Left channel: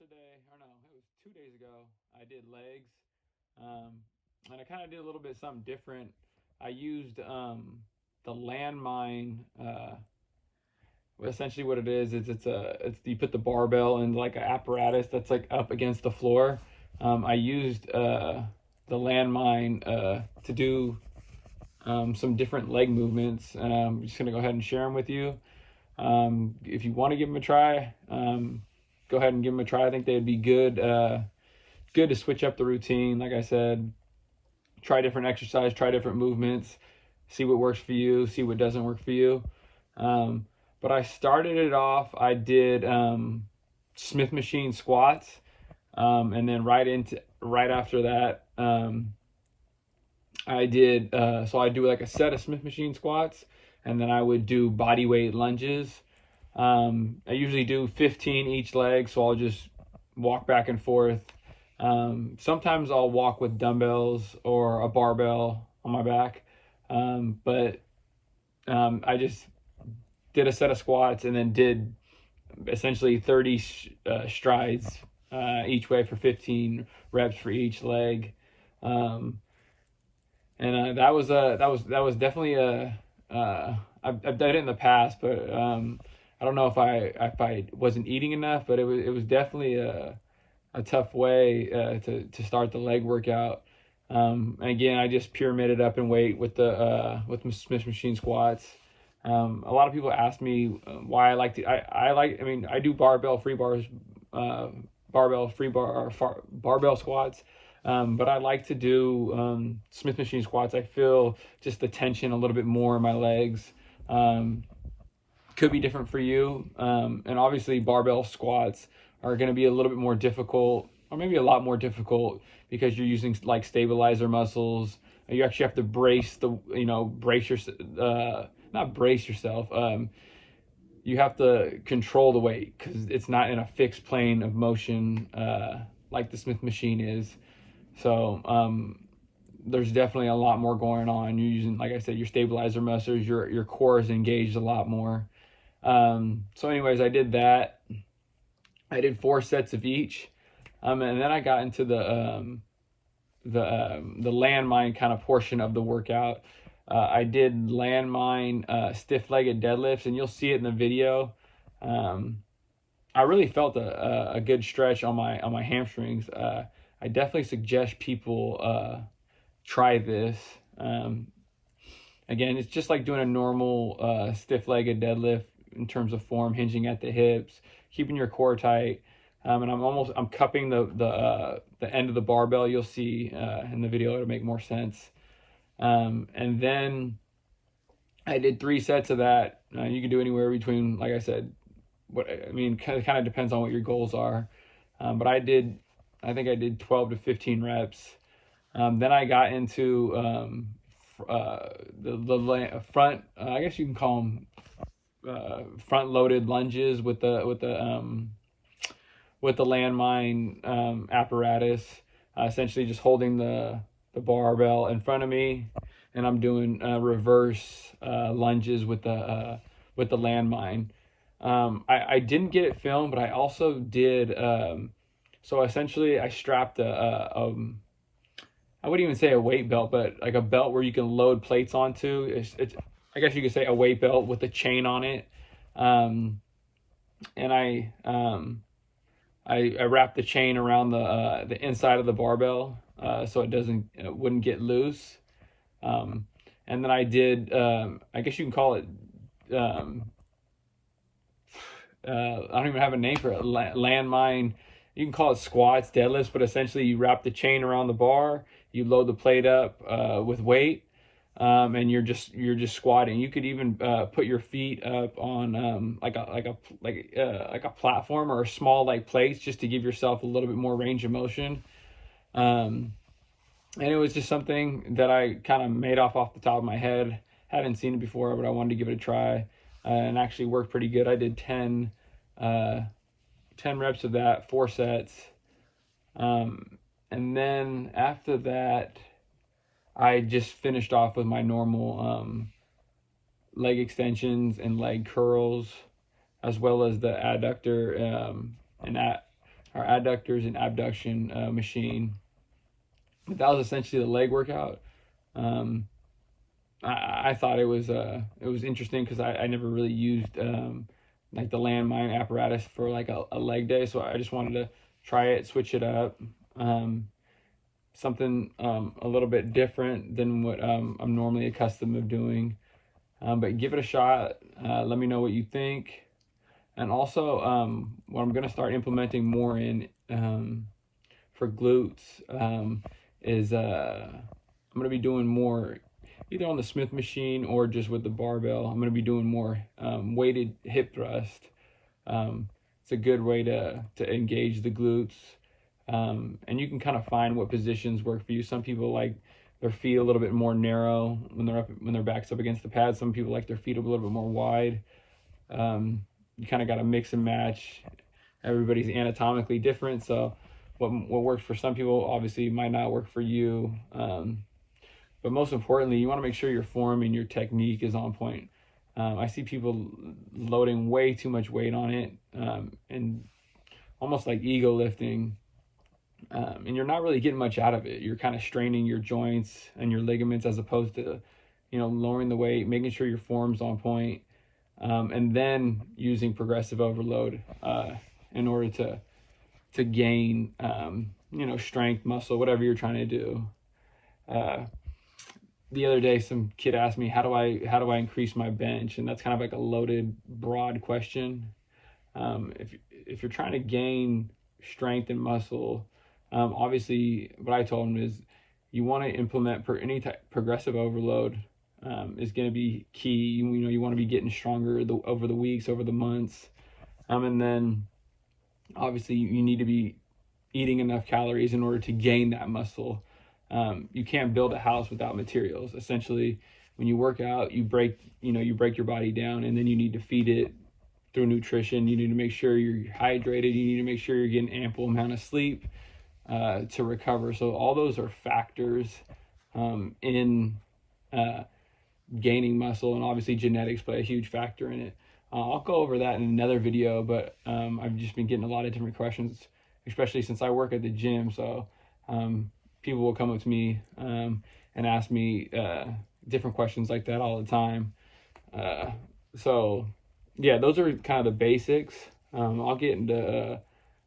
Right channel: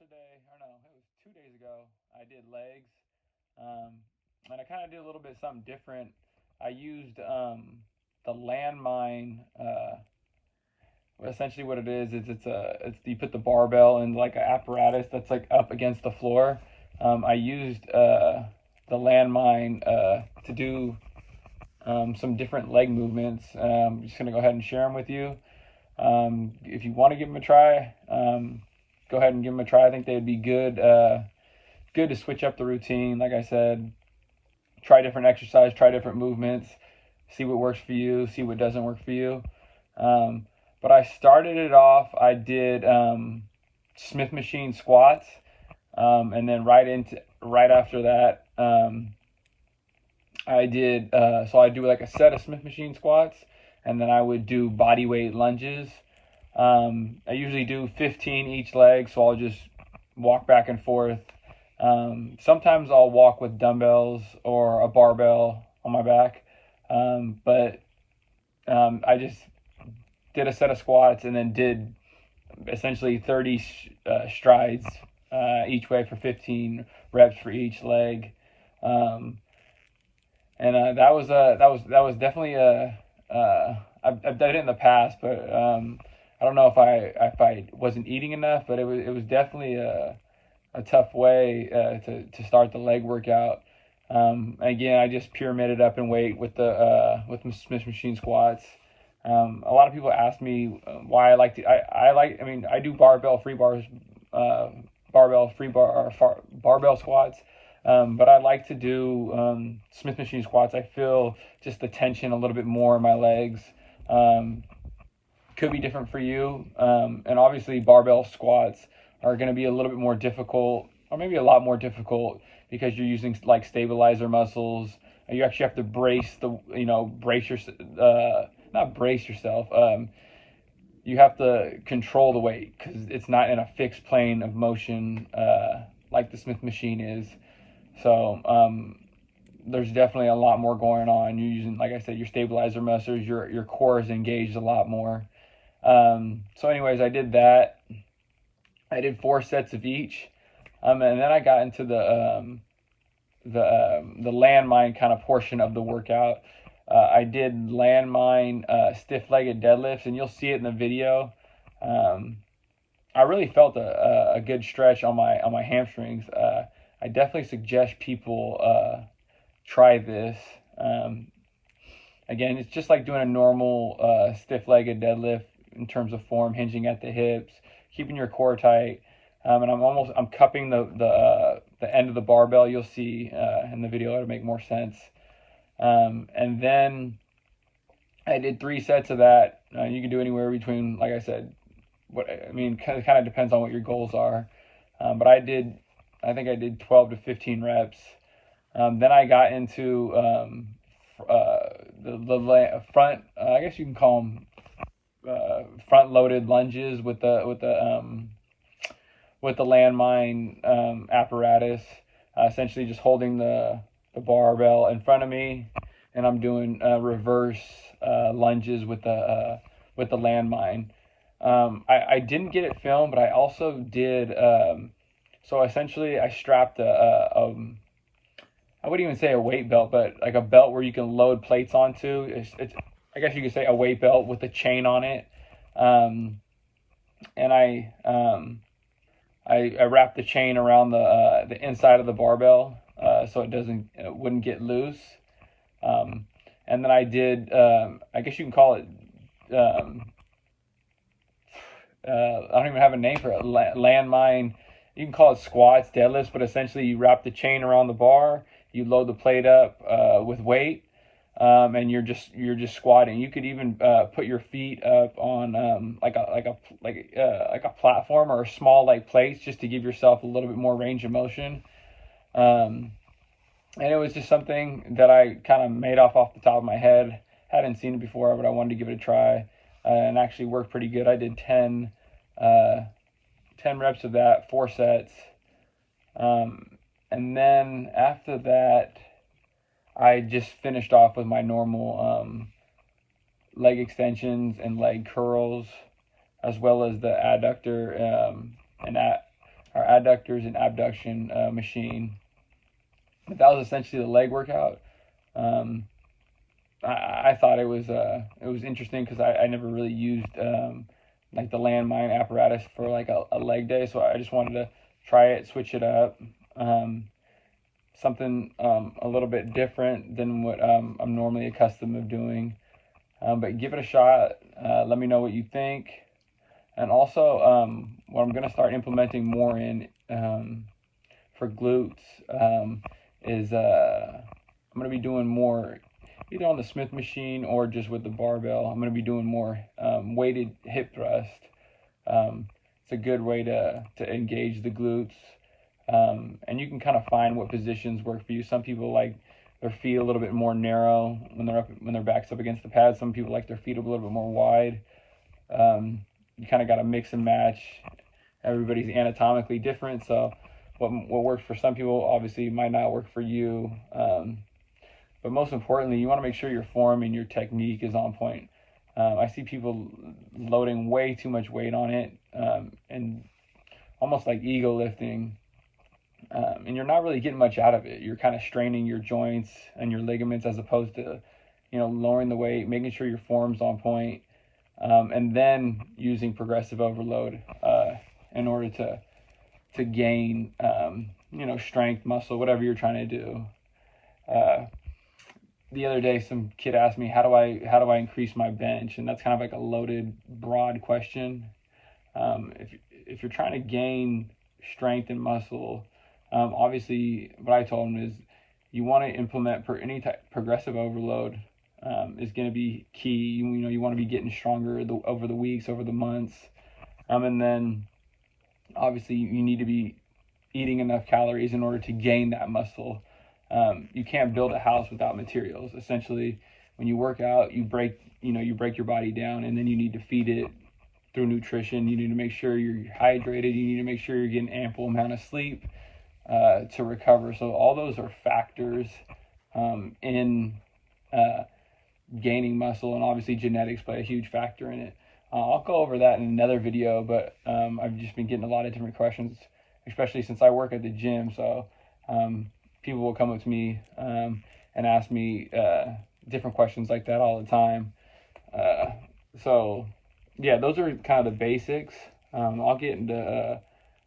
yesterday, or no, it was 2 days ago, I did legs. And I kind of did a little bit something different. I used the landmine. Essentially, what it is it's you put the barbell in like an apparatus that's like up against the floor. I used the landmine to do some different leg movements. I'm just gonna go ahead and share them with you. If you want to give them a try, go ahead and give them a try. I think they'd be good to switch up the routine. Like I said, try different exercise, try different movements, see what works for you, see what doesn't work for you. But I started it off, I did Smith machine squats, and then right after that, I did so I do like a set of Smith machine squats, and then I would do body weight lunges. I usually do 15 each leg, so I'll just walk back and forth. Sometimes I'll walk with dumbbells or a barbell on my back, but I just did a set of squats and then did essentially 30 strides each way for 15 reps for each leg. And that was definitely I've done it in the past, but I don't know if I wasn't eating enough, but it was definitely a tough way to start the leg workout. Again, I just pyramided up in weight with the Smith machine squats. A lot of people ask me why I like to. I mean, I do barbell free bars, barbell squats. But I like to do Smith machine squats. I feel just the tension a little bit more in my legs. Could be different for you. And obviously barbell squats are going to be a little bit more difficult, or maybe a lot more difficult, because you're using like stabilizer muscles. You actually have to not brace yourself. You have to control the weight because it's not in a fixed plane of motion like the Smith machine is. So there's definitely a lot more going on. You're using, like I said, your stabilizer muscles. Your core is engaged a lot more. So anyways, I did that. I did 4 sets of each, and then I got into the landmine kind of portion of the workout. I did landmine stiff-legged deadlifts, and you'll see it in the video. I really felt a good stretch on my hamstrings. I definitely suggest people try this. Again, it's just like doing a normal stiff-legged deadlift in terms of form, hinging at the hips, keeping your core tight. And I'm cupping the end of the barbell. You'll see in the video it'll make more sense. And then I did 3 sets of that. You can do anywhere between, like I said, kind of depends on what your goals are. But I think I did 12 to 15 reps. Then I got into the front. I guess you can call them front-loaded lunges with the landmine apparatus. Essentially, just holding the barbell in front of me, and I'm doing reverse lunges with the landmine. I didn't get it filmed, but I also did. So essentially, I strapped I wouldn't even say a weight belt, but like a belt where you can load plates onto. I guess you could say a weight belt with a chain on it. And I wrapped the chain around the inside of the barbell so it wouldn't get loose. And then I did, I guess you can call it, I don't even have a name for it, landmine. You can call it squats, deadlifts, but essentially you wrap the chain around the bar, you load the plate up with weight, and you're just squatting. You could even put your feet up on like a platform or a small like plates, just to give yourself a little bit more range of motion. And it was just something that I kind of made off the top of my head. Hadn't seen it before, but I wanted to give it a try, and actually worked pretty good. I did 10 reps of that, 4 sets. And then after that, I just finished off with my normal leg extensions and leg curls, as well as the adductor and our adductors and abduction machine. But that was essentially the leg workout. I thought it was interesting because I never really used like the Landmine apparatus for like a leg day, so I just wanted to try it, switch it up, something a little bit different than what I'm normally accustomed to doing. But give it a shot. Let me know what you think. And also, what I'm going to start implementing more in for glutes is I'm going to be doing more either on the Smith machine or just with the barbell. I'm going to be doing more weighted hip thrust. It's a good way to engage the glutes. And you can kind of find what positions work for you. Some people like their feet a little bit more narrow when their back's up against the pad. Some people like their feet a little bit more wide. You kind of got to mix and match. Everybody's anatomically different, so what works for some people obviously might not work for you. But most importantly, you want to make sure your form and your technique is on point. I see people loading way too much weight on it, and almost like ego lifting, and you're not really getting much out of it. You're kind of straining your joints and your ligaments as opposed to, lowering the weight, making sure your form's on point, and then using progressive overload in order to gain, strength, muscle, whatever you're trying to do. The other day, some kid asked me, how do I increase my bench? And that's kind of like a loaded, broad question. If you're trying to gain strength and muscle, obviously what I told him is you want to implement any type progressive overload is going to be key. You want to be getting stronger over the weeks, over the months, and then obviously you need to be eating enough calories in order to gain that muscle. You can't build a house without materials. Essentially, when you work out, you break your body down, and then you need to feed it through nutrition. You need to make sure you're hydrated. You need to make sure you're getting ample amount of sleep to recover. So all those are factors in gaining muscle, and obviously genetics play a huge factor in it. I'll go over that in another video, but I've just been getting a lot of different questions, especially since I work at the gym. So people will come up to me and ask me different questions like that all the time. So yeah, those are kind of the basics. I'll get into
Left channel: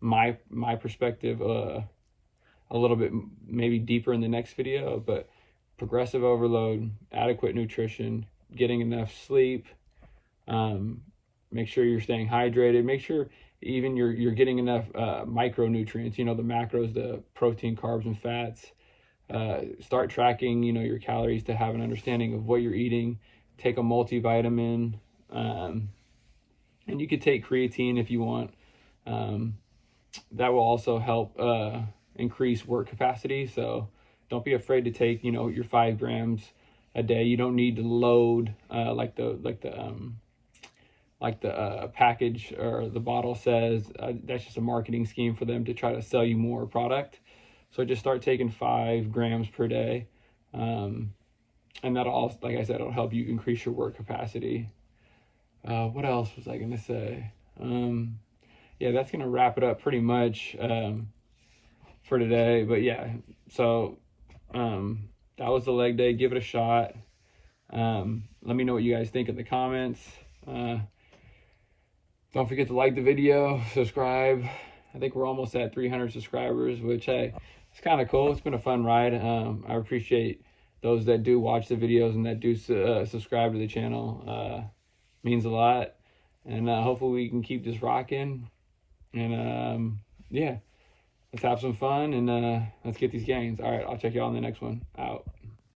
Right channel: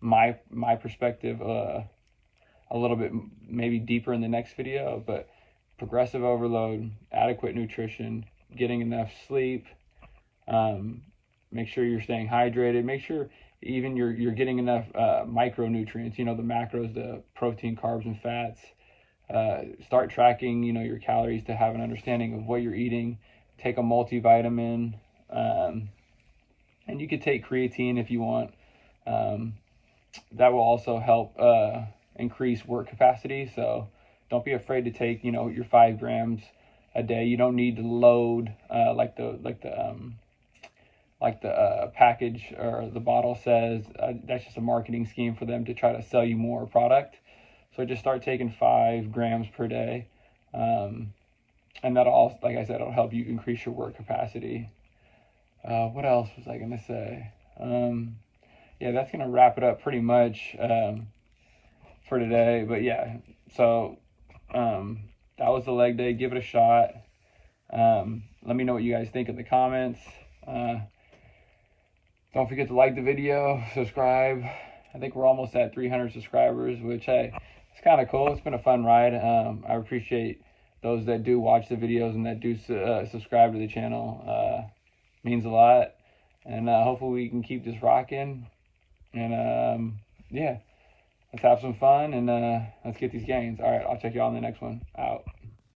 my perspective a little bit maybe deeper in the next video, but progressive overload, adequate nutrition, getting enough sleep, make sure you're staying hydrated, make sure even you're getting enough micronutrients, the macros, the protein, carbs, and fats. Start tracking, your calories to have an understanding of what you're eating. Take a multivitamin, and you could take creatine if you want. That will also help increase work capacity. So don't be afraid to take, your 5 grams a day. You don't need to load like the package or the bottle says. That's just a marketing scheme for them to try to sell you more product. So just start taking 5 grams per day, and that'll also, like I said, it'll help you increase your work capacity. What else was I gonna say? Yeah, that's gonna wrap it up pretty much for today. But yeah, so that was the leg day. Give it a shot. Let me know what you guys think in the comments. Don't forget to like the video, subscribe. I think we're almost at 300 subscribers, which, hey, it's kind of cool. It's been a fun ride. I appreciate those that do watch the videos and that do subscribe to the channel. Means a lot. And hopefully we can keep this rocking. And yeah, let's have some fun and let's get these gains. All right, I'll check y'all in the next one. Out.